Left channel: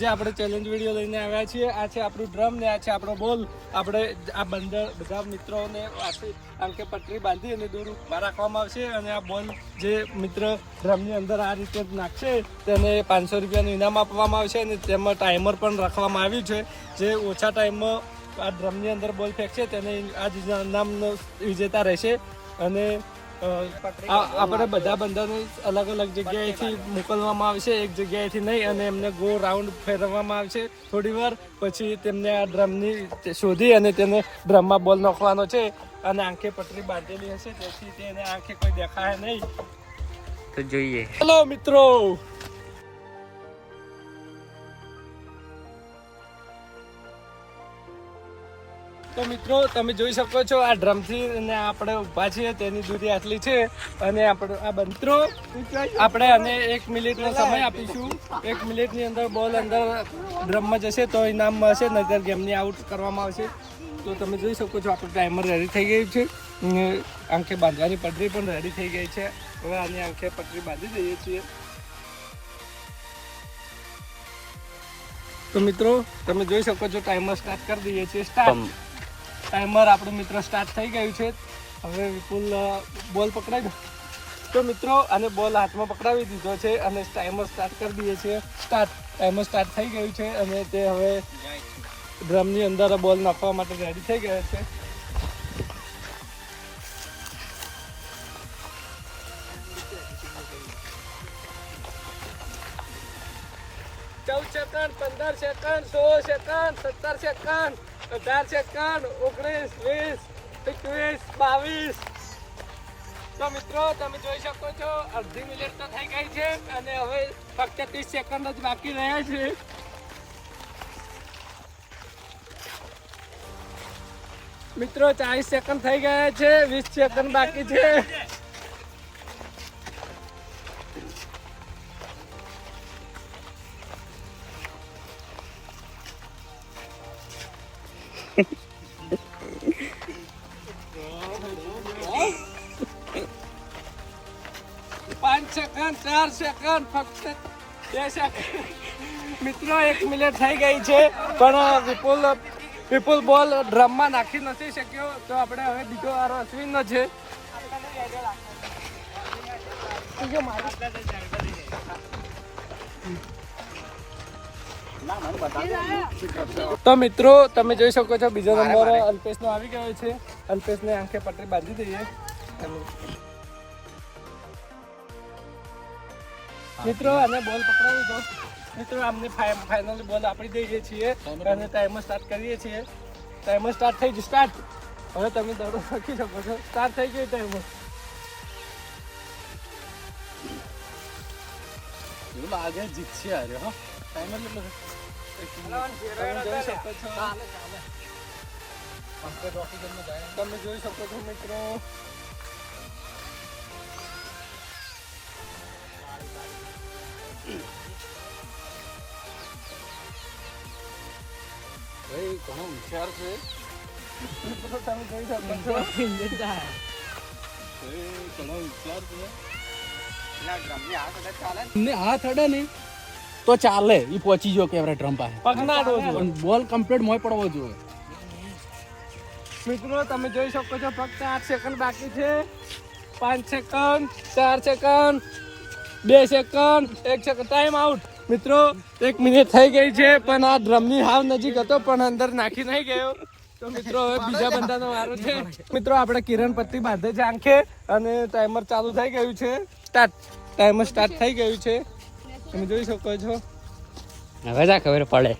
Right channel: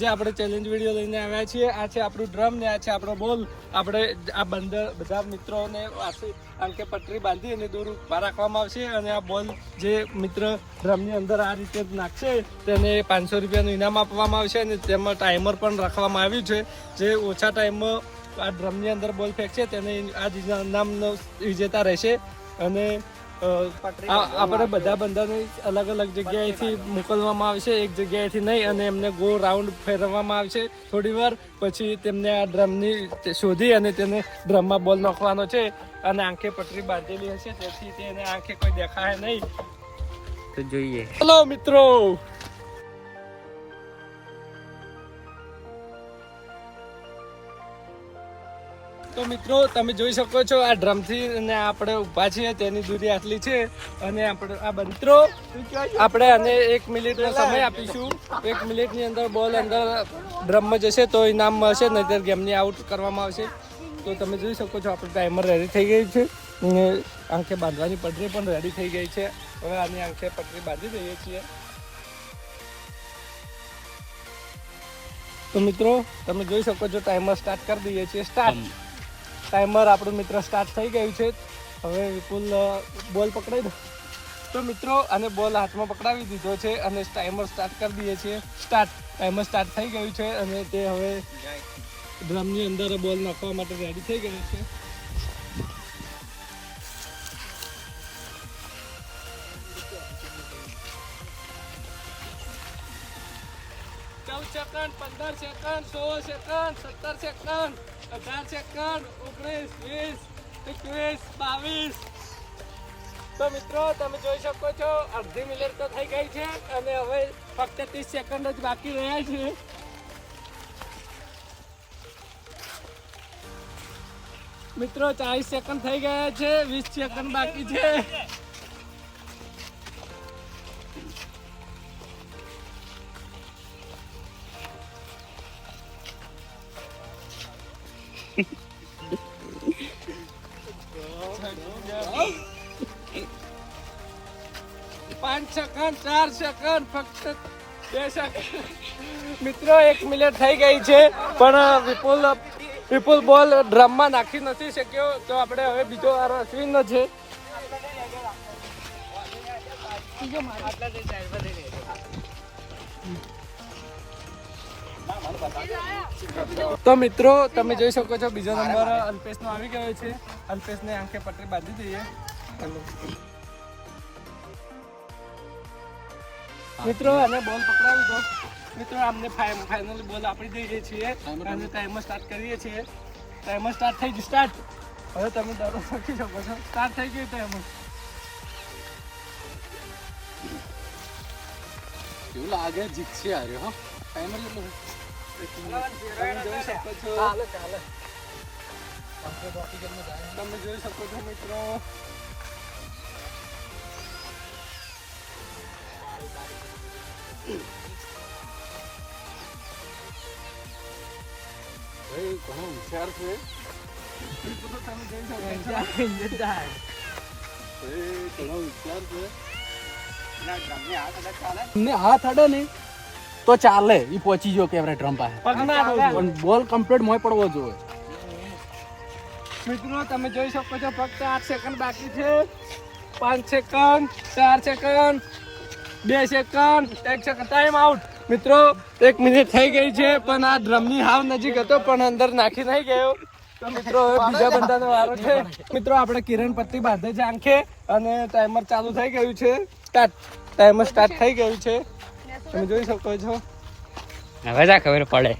જે આપણે challenge video લઈને આવ્યા છીએ. આ છે આપણું ડ્રમ ને આ છે આપણો બોલ. આપણે આ બધા મિત્રોને આંકે પટરી બાંધી અને દૂર ઉભા રાખવામાં આવશે અને આ બોલ જે મિત્ર ડ્રમની અંદર આ રીતે નાખશે તેને 500 રૂપિયાનું ઇનામ આપવામાં આવશે અને તેમાં ટાઈમર પણ રાખવામાં આવ્યું છે. જે ઓછા ટાઈમમાં આ ડ્રમની અંદર બોલ ફેંકશે તેને આ ઇનામનો વિજેતા રહેશે. અને આપણે બધા બંધાને અલગ અલગ જગ્યાએથી મોકલવામાં આવશે, એક જગ્યાએથી નહીં, અને એમને ગો રાઉન્ડ ફેરવવામાં આવશે થોડી વાર. પછી તેમને આ ડ્રમની શોધી અને તેને ડ્રમમાં બોલ નાખવાનો છે અને આંખે પટરી બાંધેલી હશે તેથી તેને આંખે કોઈ દેખાય નહીં. તો જોઈએ. ચલો મિત્રો. તો મિત્રો તમે જોઈ શકો છો આ ડ્રમથી અને આપણે ઊભા છીએ તેની દૂરી આટલી છે અને આપણે મિત્રો આપણે આને 1 મિનિટનો સમય આપીશું. 1 મિનિટની અંદર બોલ અંદર ડ્રમમાં જશે તો ઇનામ મળશે, નહીતર ગેમની આઉટ કરવામાં આવશે. તો તમે જોઈ શકો છો આપણું ટાઈમર રેડી થઈ ગયું છે અને આંખે બાંધવાની પટરી પણ રેડી થઈ ગઈ છે. હવે આની આંખે પટરી બાંધી દઈએ છીએ. તો મિત્રો તમે જોઈ શકો છો ટાઈમર સ્ટાર્ટ કરી દઈએ છીએ. ટાઈમર આપણું મિત્ર સ્ટાર્ટ થઈ ગયું છે. હવે વિપુલ બોલ પકડાવી દો. તો મિત્રો આને બોલ હાથમાં પકડાવી દીધો છે અને ટાઈમર સ્ટાર્ટ કરી દઈએ છીએ. ટાઈમર સ્ટાર્ટ થઈ ગયું છે અને તે હવે ડ્રમની અંદર બોલ નાખવા માટે રેડી થઈ ગયા છે. Second 15 second 16 second 17 second 18 second 19 20 21 22. તો મિત્રો તમે જોઈ શકો છો અડધી મિનિટ તો થઈ ગઈ છે અને હવે ફક્ત 30 સેકન્ડ જ બાકી રહ્યા છે. મિત્રો 40 સેકન્ડ થઈ ગયા છે, 20 સેકન્ડ બાકી છે. સેકન્ડ 4 સેકન્ડ ફક્ત 2 સેકન્ડ. મિત્રો 1 મિનિટ થઈ ગઈ છે પણ વિપુલ બોલ ડ્રમમાં નાખી નથી શક્યો. તો આપણે હવે બીજો વાર અશ્વિનનો છે. તો મિત્રો તમે જોઈ શકો છો બીજો નંબર અલ્પેશનો આવી ગયો છે. અલ્પેશને આંખે પટરી બાંધી દઈએ. મિત્રો અને બોલ પકડાવી દો. મિત્રો અમને ફાઇનલ બોલ આપી દઈએ છીએ અને ટાઈમર સ્ટાર્ટ કરીએ છીએ. ટાઈમર સ્ટાર્ટ થઈ ગયું. સ્ટાર્ટ. હવે તમે દડો શકી શકો છો. સ્ટાર્ટ થઈ ગયું ટાઈમર. એવું લાગે જીતશે યાર. હા ટાઈમર તમે જોઈ શકો છો. તમે જોઈ શકો છો મિત્રો. હાથ અડે ને તો ચાલે. ઈ પહોંચી ગયો કે ડ્રમ પાસે. બોલ કમ્પ્લીટ મોય પડવો જોઈએ. મિત્રો તમે જોઈ શકો છો ફક્ત 8 સેકન્ડ બાકી છે. 5 second 4 second 2 second 1 second. Time out. મિત્રો 1 મિનિટ થઈ ગઈ છે પણ આ ડ્રમની હાવ નજીક હતો પણ અંદર નાખી નહીં ગયો. તો મિત્રો હવે બીજા બંધાનો વારો છે. મિત્રો આપણે કિરણ પત્તી બાંધે છે આંખે અને ટાઈમર ચાલુ થઈ ગયું છે. ટાઈમર સ્ટાર્ટ થઈ ગયું છે. તમે જોઈ શકો છો. હવે જા ખબર પડે.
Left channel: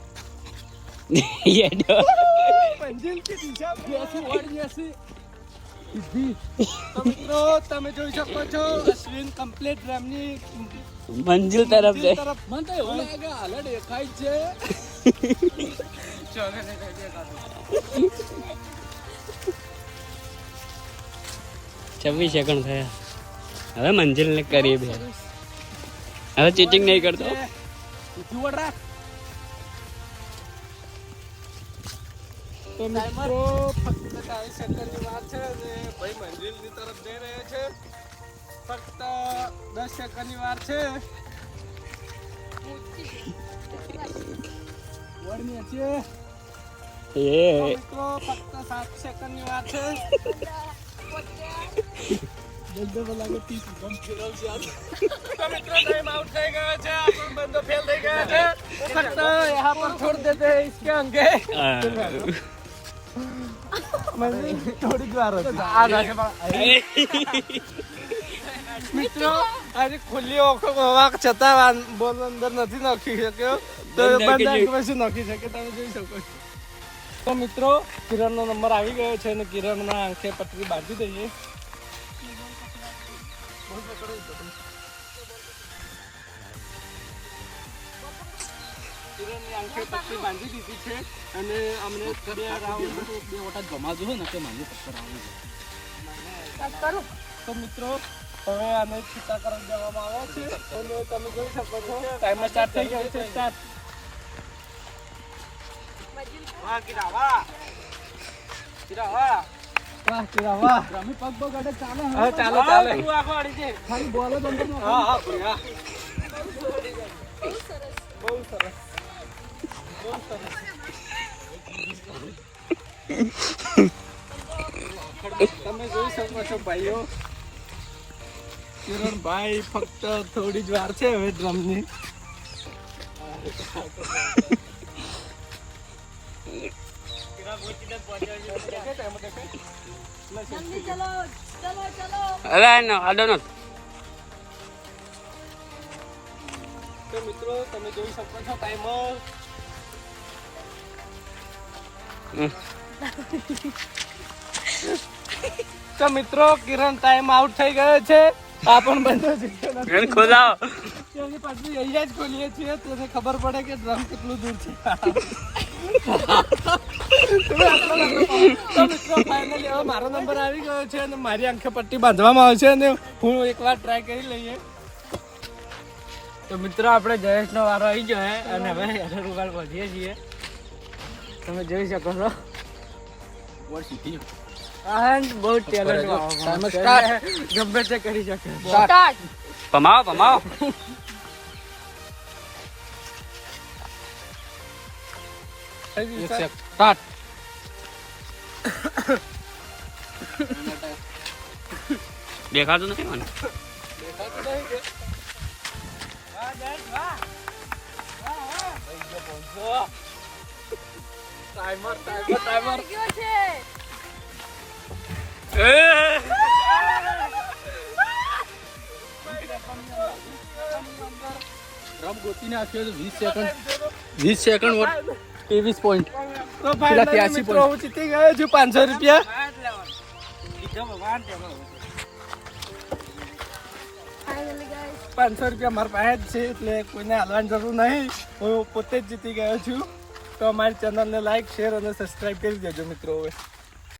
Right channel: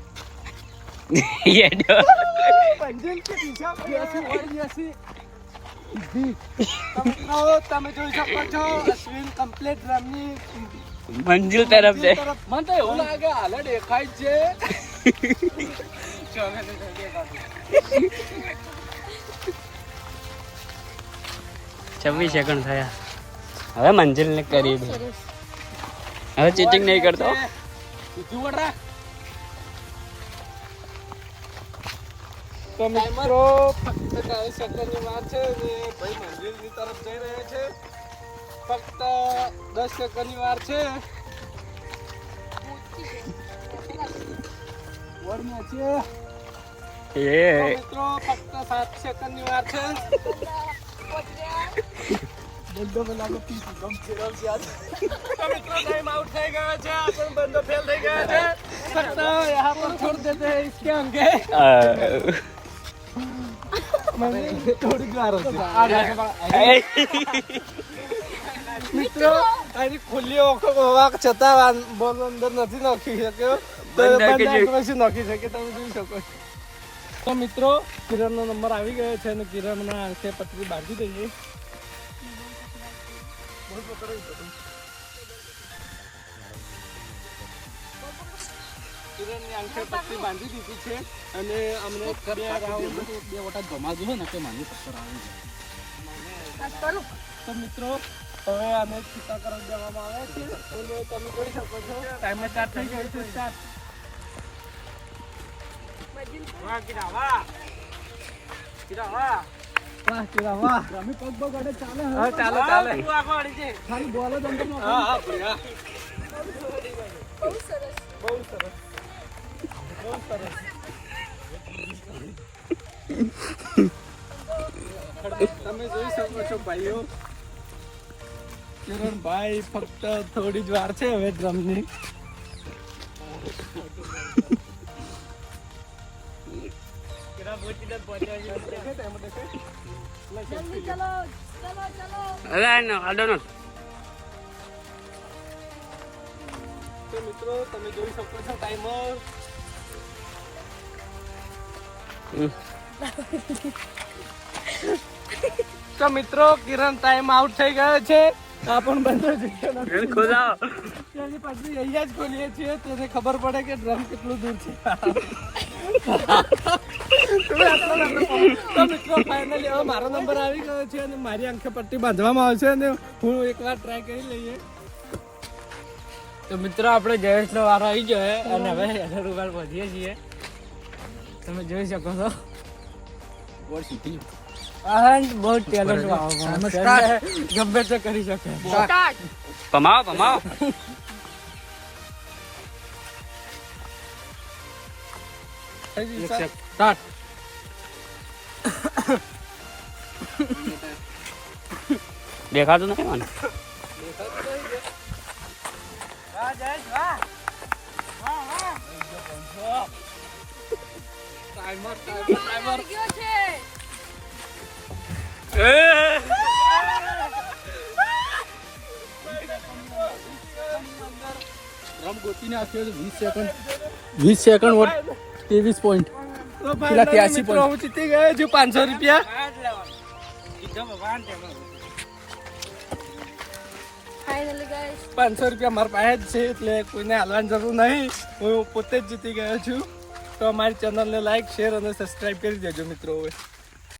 મિત્રો તમે જોઈ શકો છો અશ્વિન કમ્પ્લીટ ડ્રમની મંજિલ તરફ છે. મને તો એવું લાગે હાલ દેખાય છે. 26 સેકન્ડ થયા. હવે મંજિલ ને કરીબ. હવે ચીટિંગ નહીં કરતો. તો મિત્રો ફક્ત 40 સેકન્ડની વાર છે અને ભાઈ મંજિલની તરફ જઈ રહ્યા છે. ફક્ત 10 સેકન્ડની વાર છે. બોલ નીચે. તો એ મિત્રો ફક્ત 7 સેકન્ડની વાર છે. બંદો લાગે પીસ ગમ ફેરવ ગયા. તો મિત્રો ટાઈમ આઉટ થઈ ગયો છે. આપણો બંદો ફેલ થઈ ગયો છે. ફક્ત યહાં પર છોડ દેતે હૈ इसके अंगे. મને થોડી વાર હતી. આ મિત્રો આજે ખુલ્લી ઓખો વાક છતાં બોલ અંદર નથી નાખી શક્યો. તો બંધ નાખી બંધ પછી નાખી શકે તમે જોઈ શકો છો. તો મિત્રો કિરણનો નંબર આવી ગયો છે અને કિરણના આંખે પટરી બાંધી દઈએ. કિરણની આંખે પટ્ટી બાંધી દીધી છે અને અમને બે રાઉન્ડ બે વટા જમાજો હોય ને કે મારી પથ્થર આવી જાય. તો મિત્રો હવે આને છૂટા કરી દેવામાં આવે છે. અને તમે જોઈ શકો છો ટાઈમર સ્ટાર્ટ થઈ ગયો છે. સ્ટાર્ટ. વાહ કિરાવા રમી પગ પગ અડે ચાલે હવે. હવે ચાલો ચાલે. ખાલી બોલ જ અંદર નાખો. હા હા ભૈયા. બહુ સરસ. બહુ સરસ. તમે જોઈ શકો છો ભાઈઓ કિરણભાઈ ફક્ત થોડી જ વાર છે હવે ડ્રમની. जल्दी चलो चलो चलो અરે ના આડો ન તો મિત્રો તમે જોઈ શકો છો ટાઈમર. તો મિત્રો કિરણ ટાઈમ આઉટ થઈ ગયો છે. આ પણ બંધ જીત્યો નથી. ખોલાવો. તેની પાછળ અહીંયા જ ખોલીએ છીએ તેને ખબર પડે કે ડ્રમ કેટલું દૂર છે. તો મિત્રો ફાઇનલી હવે મારો નંબર આવી ગયો છે અને મારી આંખે પટ્ટી બાંધવામાં આવે છે અને હું એકવાર ટ્રાય કરી લઈએ. તો મિત્રો આપણે જયેશનો વારો આવી ગયો છે અને હવે રૂપાલ પહોંચીએ છીએ. તમે જોઈ શકો છો બોલ સીધી. બહુ ટેલેન્ટ ટાઈમર સ્ટાર્ટ. ગમે તે કરી શકે. પમાવો પમાવો. સ્ટાર્ટ. દેખાતું નથી મને. ટાઈમર ગયો છે રમ ગોતીને આપ્યો તો 20 સેકન્ડ 20 સેકન્ડ વોટ 23 પોઈન્ટ. તો ફાઇનલી મિત્રો હું જીતી ગયો છું 500 રૂપિયા. ફાઇનલી ગાઈસ 500 રૂપિયા મારા પાસે જ છે એટલે કોઈને હાલવાની જરૂર નહીં. હું પોતે જ જીતી ગયો છું. તો અમારી ચેનલને લાઈક શેર અને સબસ્ક્રાઈબ કરી દેજો મિત્રો. હવે